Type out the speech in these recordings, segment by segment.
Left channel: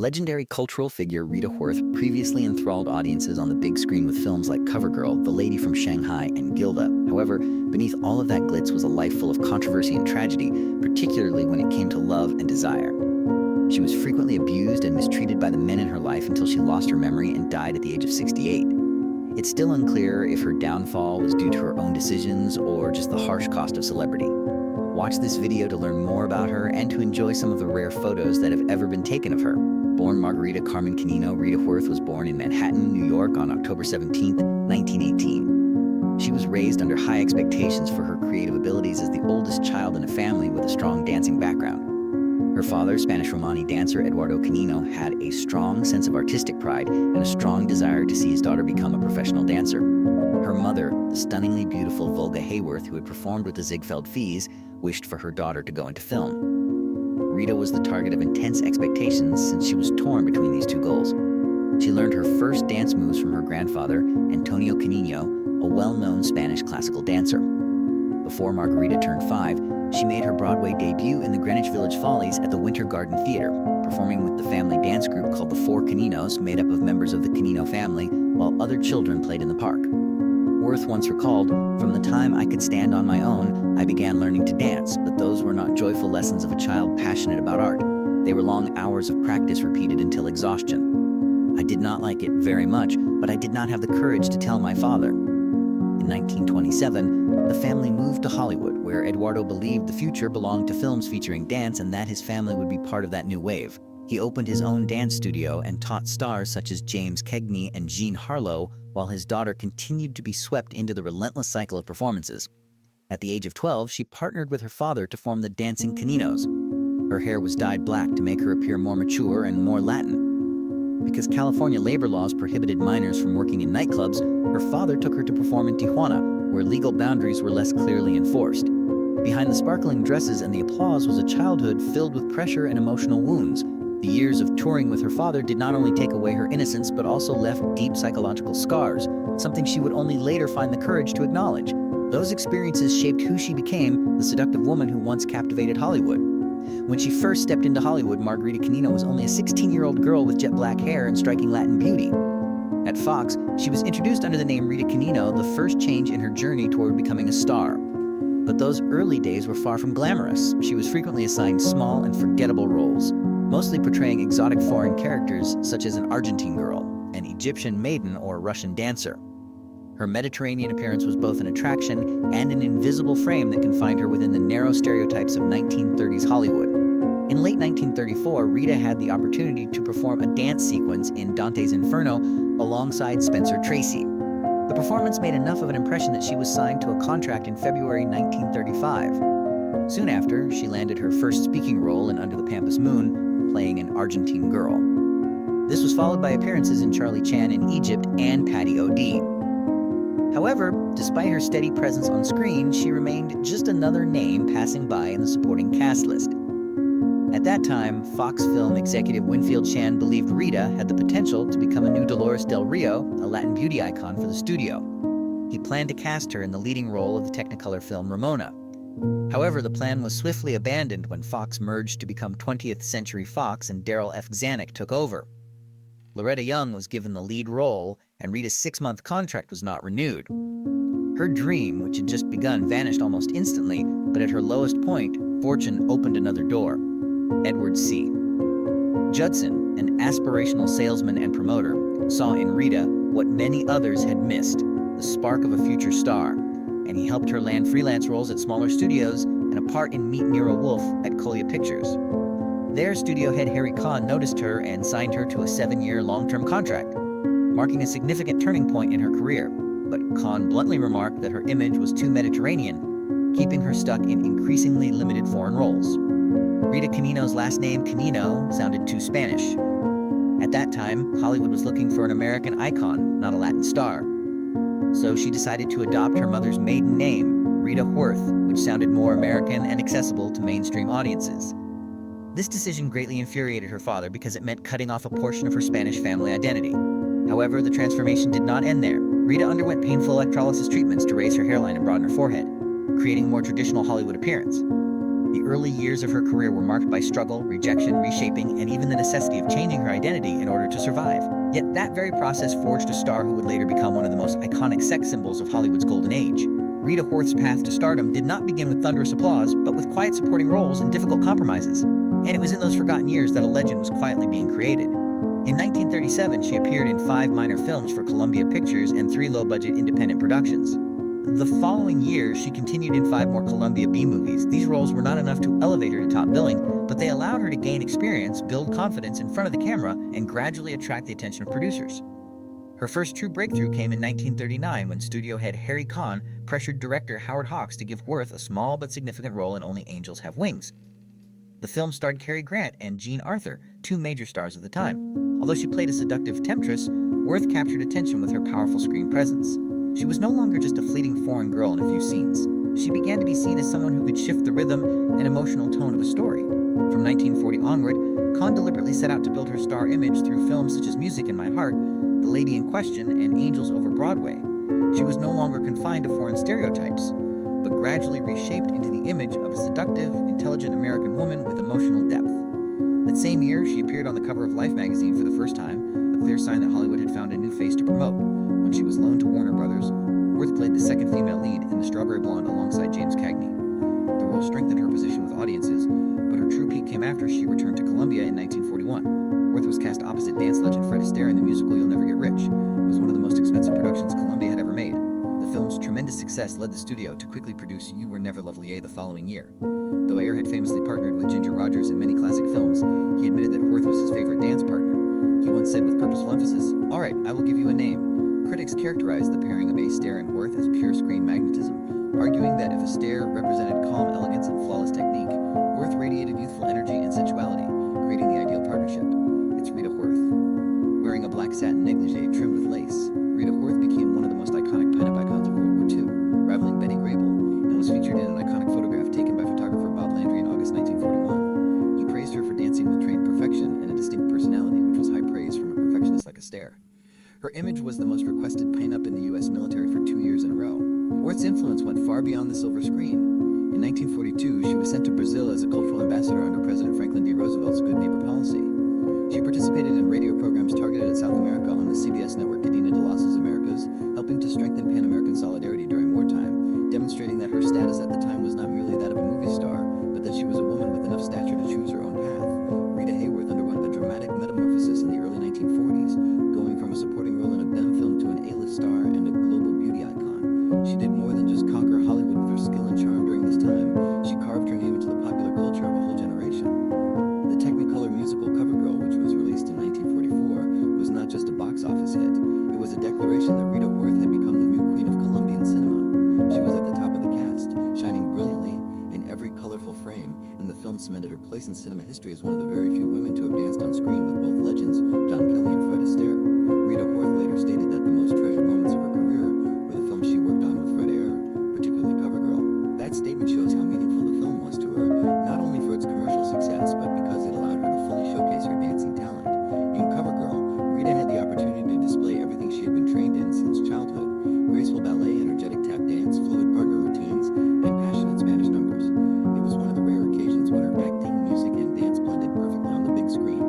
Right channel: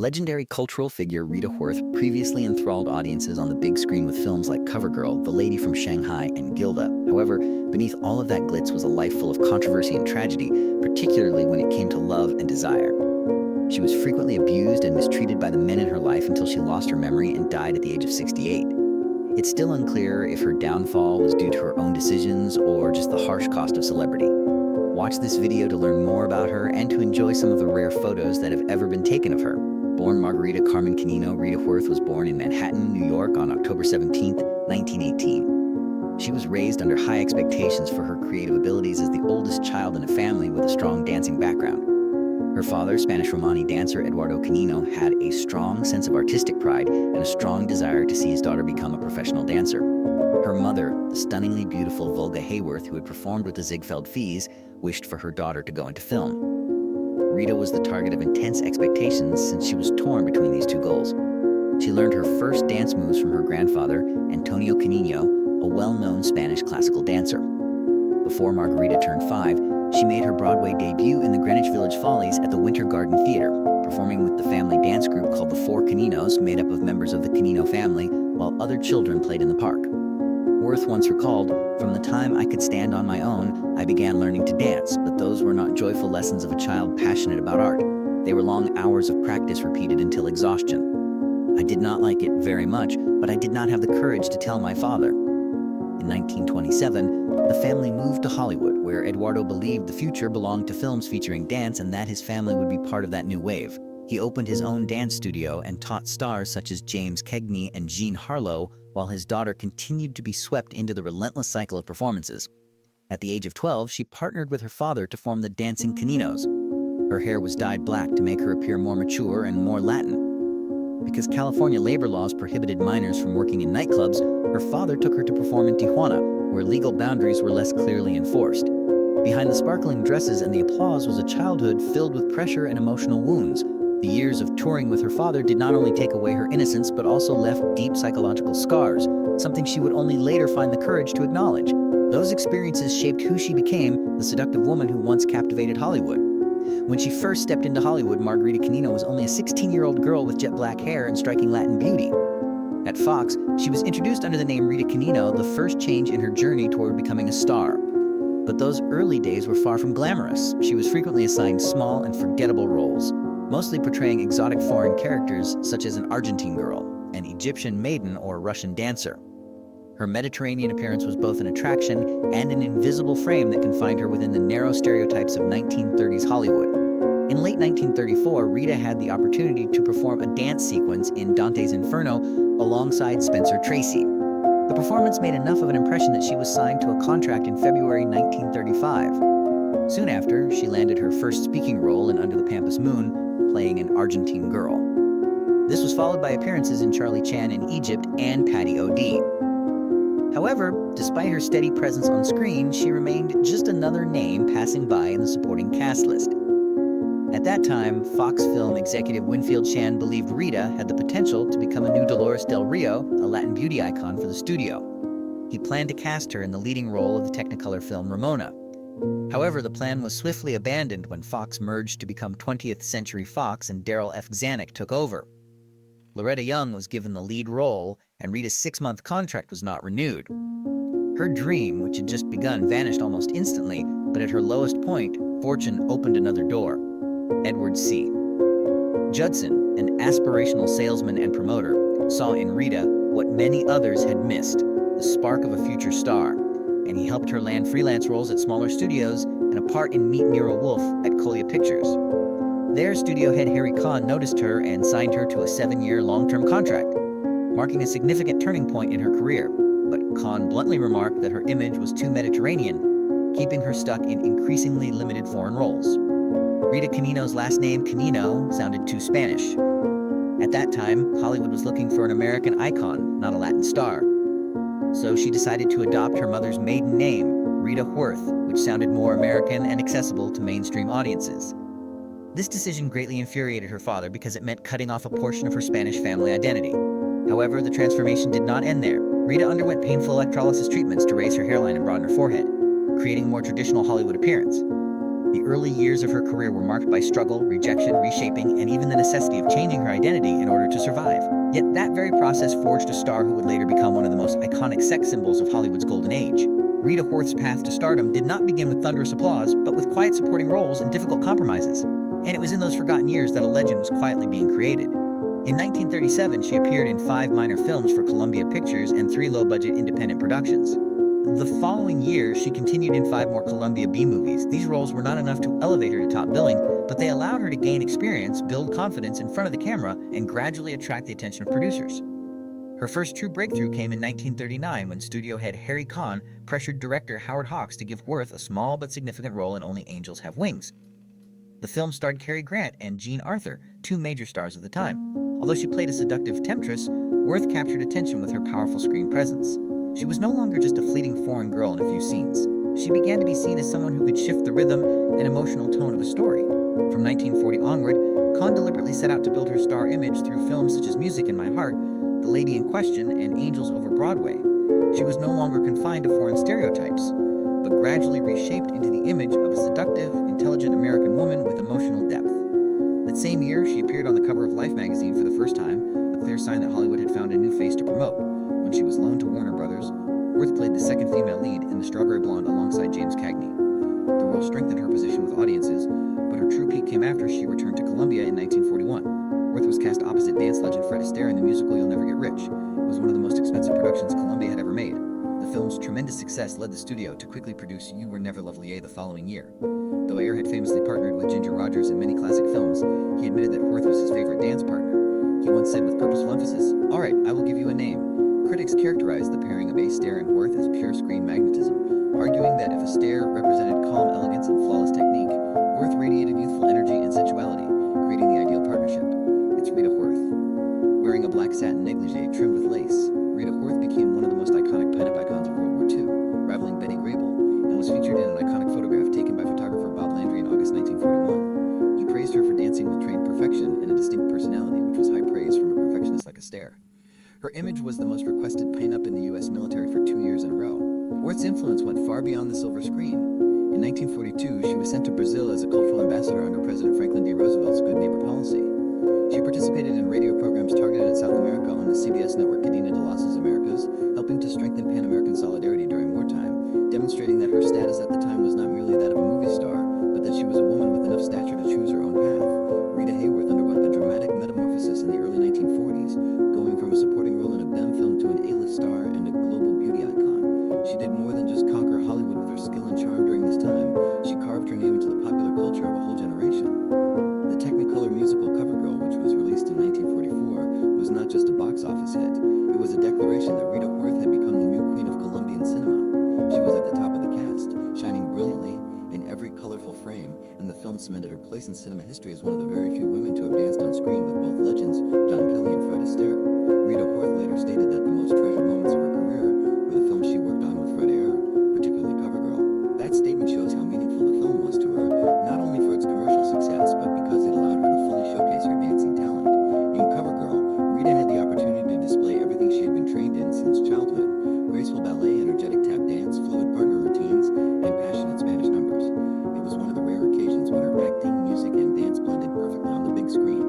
Legendary cultural figure Rita Hayworth previously enthralled audiences on the big screen with films like CoverGirl, The Lady from Shanghai, and Gilda. However, beneath all of that glitz was a life full of controversy and tragedy, particularly when it came to love and desire. She was frequently abused and mistreated by the men in her life until she lost her memory and died at the age of 68. It's still unclear if her downfall was due to her own decisions or just the harsh cost of celebrity. Watch this video to learn more about her and to enjoy some of the rare photos that have ever been taken of her. Born Margarita Carmen Canino, Rita Hayworth was born in Manhattan, New York on October 17, 1918. She was raised under high expectations for her creative abilities as the oldest child in a family with a strong dancing background. Her father, Spanish Romani dancer Eduardo Canino, had a strong sense of artistic pride and a strong desire to see his daughter become a professional dancer. Her mother, the stunningly beautiful Rita Hayworth, who had performed with the Ziegfeld Fees, wished for her daughter to go into film. Rita was the target of intense expectations since she was torn between these two goals. She learned her first dance moves from her grandfather, Antonio Canino, a well-known Spanish classical dancer. Before Margarita turned 5, she made her Broadway debut in the Greenwich Village Follies at the Winter Garden Theater, performing with the family dance group called the Four Caninos, made up of members of the Canino family, while other children played in the park. Hayworth once recalled, "From the time I could stand on my own, I began learning to dance, but those were not joyful lessons of a child passionate about art. They were long hours of practice repeated until exhaustion. I did not like it very much, but I did not have the courage to tell my father." In 1927, the family moved to Hollywood, where Eduardo believed the future belonged to films featuring dance and that his family would be part of that new wave. He opened his own dance studio and taught stars such as James Cagney and Jean Harlow, while his daughter continued to be swept into the relentless cycle of performances. At the age of 12, she partnered with her father to form the Dancing Caninos. Her hair was dyed black to make her appear more mature and more Latin. Because California labor laws prohibited minors from working in nightclubs, her father took her to perform in Tijuana, where legal boundaries were less clearly enforced. Behind the sparkling dresses and the applause was a childhood filled with pressure and emotional wounds. The years of touring with her father did not only take away her innocence, but also left deep psychological scars, something she would only later find the courage to acknowledge. Those experiences shaped who she became, the seductive woman who once captivated Hollywood. When she first stepped into Hollywood, Margarita Canino was only a 16-year-old girl with jet black hair and striking Latin beauty. At Fox, she was introduced under the name Rita Canino, the first change in her journey toward becoming a star. But those early days were far from glamorous. She was frequently assigned small and forgettable roles, mostly portraying exotic foreign characters such as an Argentine girl, an Egyptian maiden, or a Russian dancer. Her Mediterranean appearance was both an attraction and an invisible frame that confined her within the narrow stereotypes of 1930s Hollywood. In late 1934, Rita had the opportunity to perform a dance sequence in Dante's Inferno alongside Spencer Tracy. The performance made enough of an impression that she was signed to a contract in February 1935. Soon after, she landed her first speaking role in Under the Pampas Moon, playing an Argentine girl. This was followed by appearances in Charlie Chan in Egypt and Patty O'D. However, despite her steady presence on screen, she remained just another name passing by in the supporting cast list. At that time, Fox film executive Winfield Chan believed Rita had the potential to become a new Dolores Del Rio, a Latin beauty icon for the studio. He planned to cast her in the leading role of the Technicolor film Ramona. However, the plan was swiftly abandoned when Fox merged to become 20th Century Fox and Daryl F. Zanuck took over. Loretta Young was given the lead role, and Rita's 6-month contract was not renewed. Her dream, which had just begun, vanished almost instantly, but at her lowest point, fortune opened another door. Edward C. Judson, an aspirational salesman and promoter, saw in Rita what many others had missed, the spark of a future star, and he helped her land freelance roles at smaller studios and a part in Meet Nero Wolfe at Colia Pictures. There, studio head Harry Kahn noticed her and signed her to a 7-year long-term contract, marking a significant turning point in her career. But Kahn bluntly remarked that her image was too Mediterranean, keeping her stuck in increasingly limited foreign roles. Rita Canino's last name, Canino, sounded too Spanish. At that time, Hollywood was looking for an American icon, not a Latin star. So she decided to adopt her mother's maiden name, Rita Hayworth, which sounded more American and accessible to mainstream audiences. This decision greatly infuriated her father because it meant cutting off a portion of her Spanish family identity. However, the transformation did not end there. Rita underwent painful electrolysis treatments to raise her hairline and broaden her forehead, creating a more traditional Hollywood appearance. The early years of her career were marked by struggle, rejection, reshaping, and even the necessity of changing her identity in order to survive. Yet that very process forged a star who would later become one of the most iconic sex symbols of Hollywood's golden age. Rita Hayworth's path to stardom did not begin with thunderous applause, but with quiet supporting roles and difficult compromises. And it was in those forgotten years that a legend was quietly being created. In 1937, she appeared in 5 minor films for Columbia Pictures and 3 low-budget independent productions. The following year, she continued in 5 more Columbia B movies. These roles were not enough to elevate her to top billing, but they allowed her to gain experience, build confidence in front of the camera, and gradually attract the attention of producers. Her first true breakthrough came in 1939 when studio head Harry Kahn pressured director Howard Hawks to give Worth a small but significant role in Only Angels Have Wings. The film starred Cary Grant and Jean Arthur, 2 major stars of the time. Although she played a seductive temptress, Worth captured attention with her powerful screen presence. She was no longer just a fleeting foreign girl in a few scenes. She began to be seen as someone who could shift the rhythm and emotional tone of a story. From 1940 onward, Kahn deliberately set out to build her star image through films such as Music in My Heart, The Lady in Question, and Angels Over Broadway. She was no longer confined to foreign stereotypes, but gradually reshaped into the image of a seductive, intelligent American woman with emotional depth. That same year, she appeared on the cover of Life magazine for the first time, a clear sign that Hollywood had found a new face to promote. When she was loaned to Warner Brothers, Worth played the second female lead in The Strawberry Blonde alongside James Cagney. The role strengthened her position with audiences, but her true peak came after she returned to Columbia in 1941. Worth was cast opposite dance legend Fred Astaire in the musical You'll Never Get Rich. It was one of the most expensive productions Columbia had ever made. The film's tremendous success led the studio to quickly produce You Were Never Lovely the following year. Though Ayer had famously partnered with Ginger Rogers in many classic films, he admitted that Worth was his favorite dance partner. He once said with purposeful emphasis, "All right, I will give you a name." Critics characterized the pairing of Astaire and Worth as pure screen magnetism, arguing that if Astaire represented calm elegance and flawless technique, Worth radiated youthful energy and sensuality, creating the ideal partnership. It's Rita Hayworth. Wearing a black satin negligee trimmed with lace, Rita Hayworth became one of the most iconic pinup icons of World War II, rivaling Betty Grable, and was featured in an iconic photograph taken by photographer Bob Landry in August 1941. He praised her for dancing with trained perfection and a distinct personality, which was high praise from a perfectionist like Astaire. Her image was the most requested pinup in the U.S. military for 2 years in a row. Worth's influence went far beyond the silver screen. In 1942, she was sent to Brazil as a cultural ambassador under President Franklin D. Roosevelt's Good Neighbor policy. She participated in radio programs targeted at South America on the CBS network Cadena de las Americas, helping to strengthen Pan-American solidarity during wartime, demonstrating that her status at the time was not merely that of a movie star, but that she was a woman with enough stature to choose her own path. Rita Hayworth underwent a dramatic metamorphosis in the early 1940s, going from a supporting role in a BEM film to an A-list star and a global beauty icon. She did more than just conquer Hollywood with her skill and charm during this time. She carved her name into the popular culture of a whole generation. The Technicolor musical CoverGirl, which was released in 1944, was not just a box office hit. It was a declaration that Rita Hayworth had become the new queen of Colombian cinema. She was at the top of the cast, shining brilliantly in every colorful frame, and the film cemented her place in cinema history as one of the very few women to have danced on screen with both legends, John Kelly and Fred Astaire. Rita Hayworth later stated that the most treasured moments of her career were the films she worked on with Fred Astaire, particularly CoverGirl. That statement shows how meaningful the film was to her, not only for its commercial success, but because it allowed her to fully showcase her dancing talent. In CoverGirl, Rita had the opportunity to display everything she had been trained in since childhood: graceful ballet, energetic tap dance, fluid partner routines, and passionate Spanish numbers. It was one of the rare occasions when her acting, music, and dance blended perfectly on the big screen.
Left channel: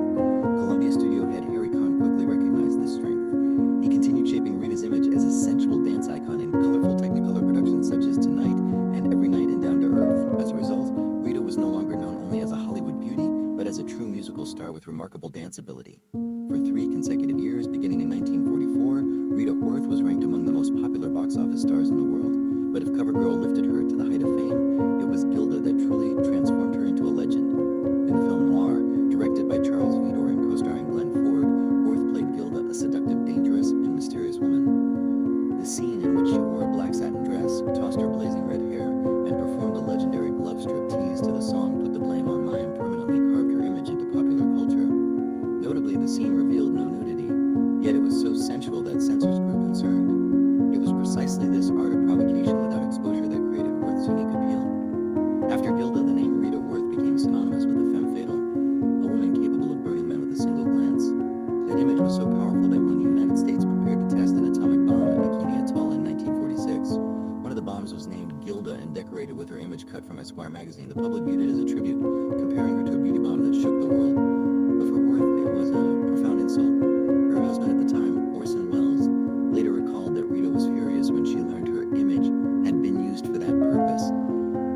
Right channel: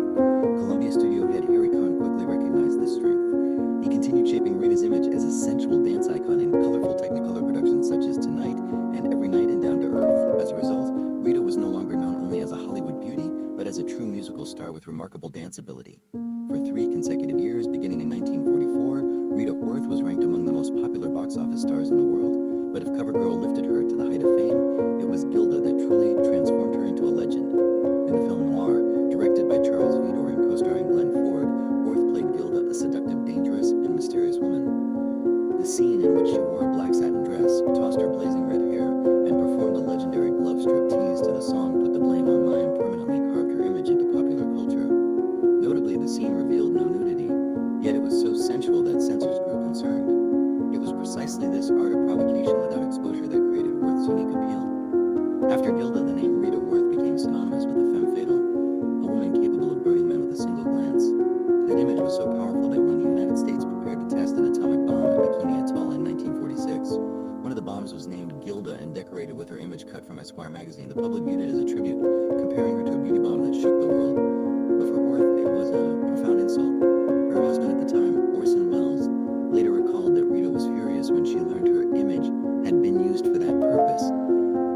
Columbia studio head Harry Kahn quickly recognized this strength. He continued shaping Rita's image as a sensual dance icon in colorful Technicolor productions such as Tonight and Every Night and Down to Earth. As a result, Rita was no longer known only as a Hollywood beauty, but as a true musical star with remarkable dance ability. For 3 consecutive years, beginning in 1944, Rita Hayworth was ranked among the most popular box office stars in the world. But if CoverGirl lifted her to the height of fame, it was Gilda that truly transformed her into a legend. In the film Noir, directed by Charles Vidor and co-starring Glenn Ford, Hayworth played Gilda, a seductive, dangerous, and mysterious woman. The scene in which she wore a black satin dress, tossed her blazing red hair, and performed a legendary glove strip tease to the song Put the Blame on Mine permanently carved her image into popular culture. Notably, the scene revealed no nudity, yet it was so sensual that censors grew concerned. It was precisely this art of provocation without exposure that created Hayworth's unique appeal. After Gilda, the name Rita Hayworth became synonymous with the femme fatale, a woman capable of burning men with a single glance. That image was so powerful that when the United States prepared to test an atomic bomb at Bikini Atoll in 1946, one of the bombs was named Gilda and decorated decorated with her image cut from Esquire magazine. The public viewed it as a tribute, comparing her to a beauty bomb that shook the world. But for Worth, it was a profound insult. Her husband at the time, Orson Welles, later recalled that Rita was furious when she learned her image had been used for that purpose.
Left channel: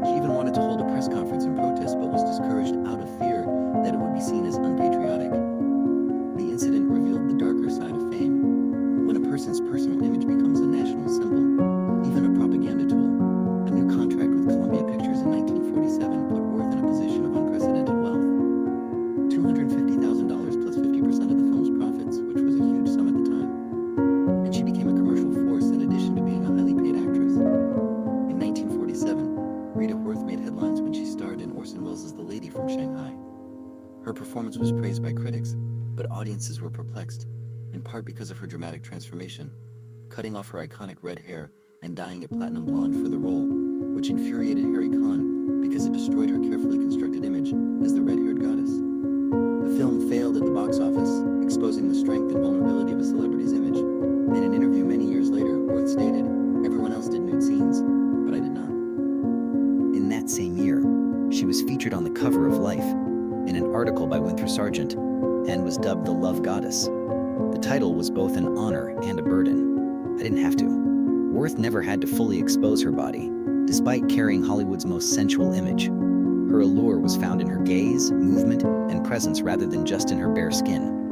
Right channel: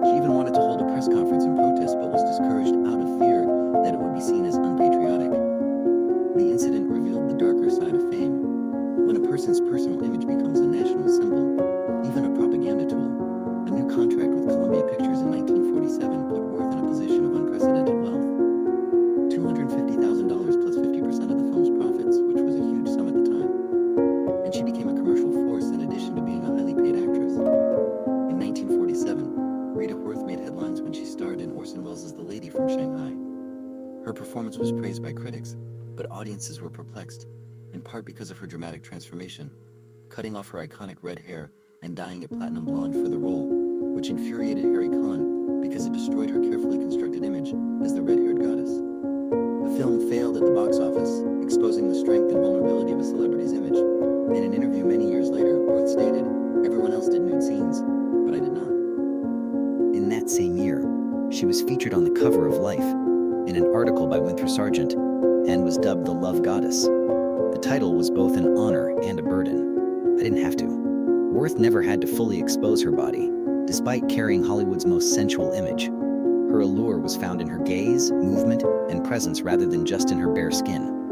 She even wanted to hold a press conference in protest, but was discouraged out of fear that it would be seen as unpatriotic. The incident revealed the darker side of fame. When a person's personal image becomes a national symbol, even a propaganda tool, a new contract with Columbia Pictures in 1947 put Worth in a position of unprecedented wealth. $250,000 plus 50% of the film's profits, which was a huge sum at the time. And she became a commercial force in addition to being a highly paid actress. In 1947, Rita Hayworth made headlines when she starred in Orson Welles' The Lady from Shanghai. Her performance was praised by critics, but audiences were perplexed, in part because of her dramatic transformation, cutting off her iconic red hair and dyeing it platinum blonde for the role, which infuriated Harry Khan because it destroyed her carefully constructed image as the red-haired goddess. The film failed at the box office, exposing the strength and vulnerability of a celebrity's image. In an interview many years later, Worth stated, "Everyone else did nude scenes, but I did not." In that same year, she was featured on the cover of Life in an article by Winthrop Sargent and was dubbed the Love Goddess. The title was both an honor and a burden. I didn't have to. Worth never had to fully expose her body, despite carrying Hollywood's most sensual image. Her allure was found in her gaze, movement, and presence rather than just in her bare skin.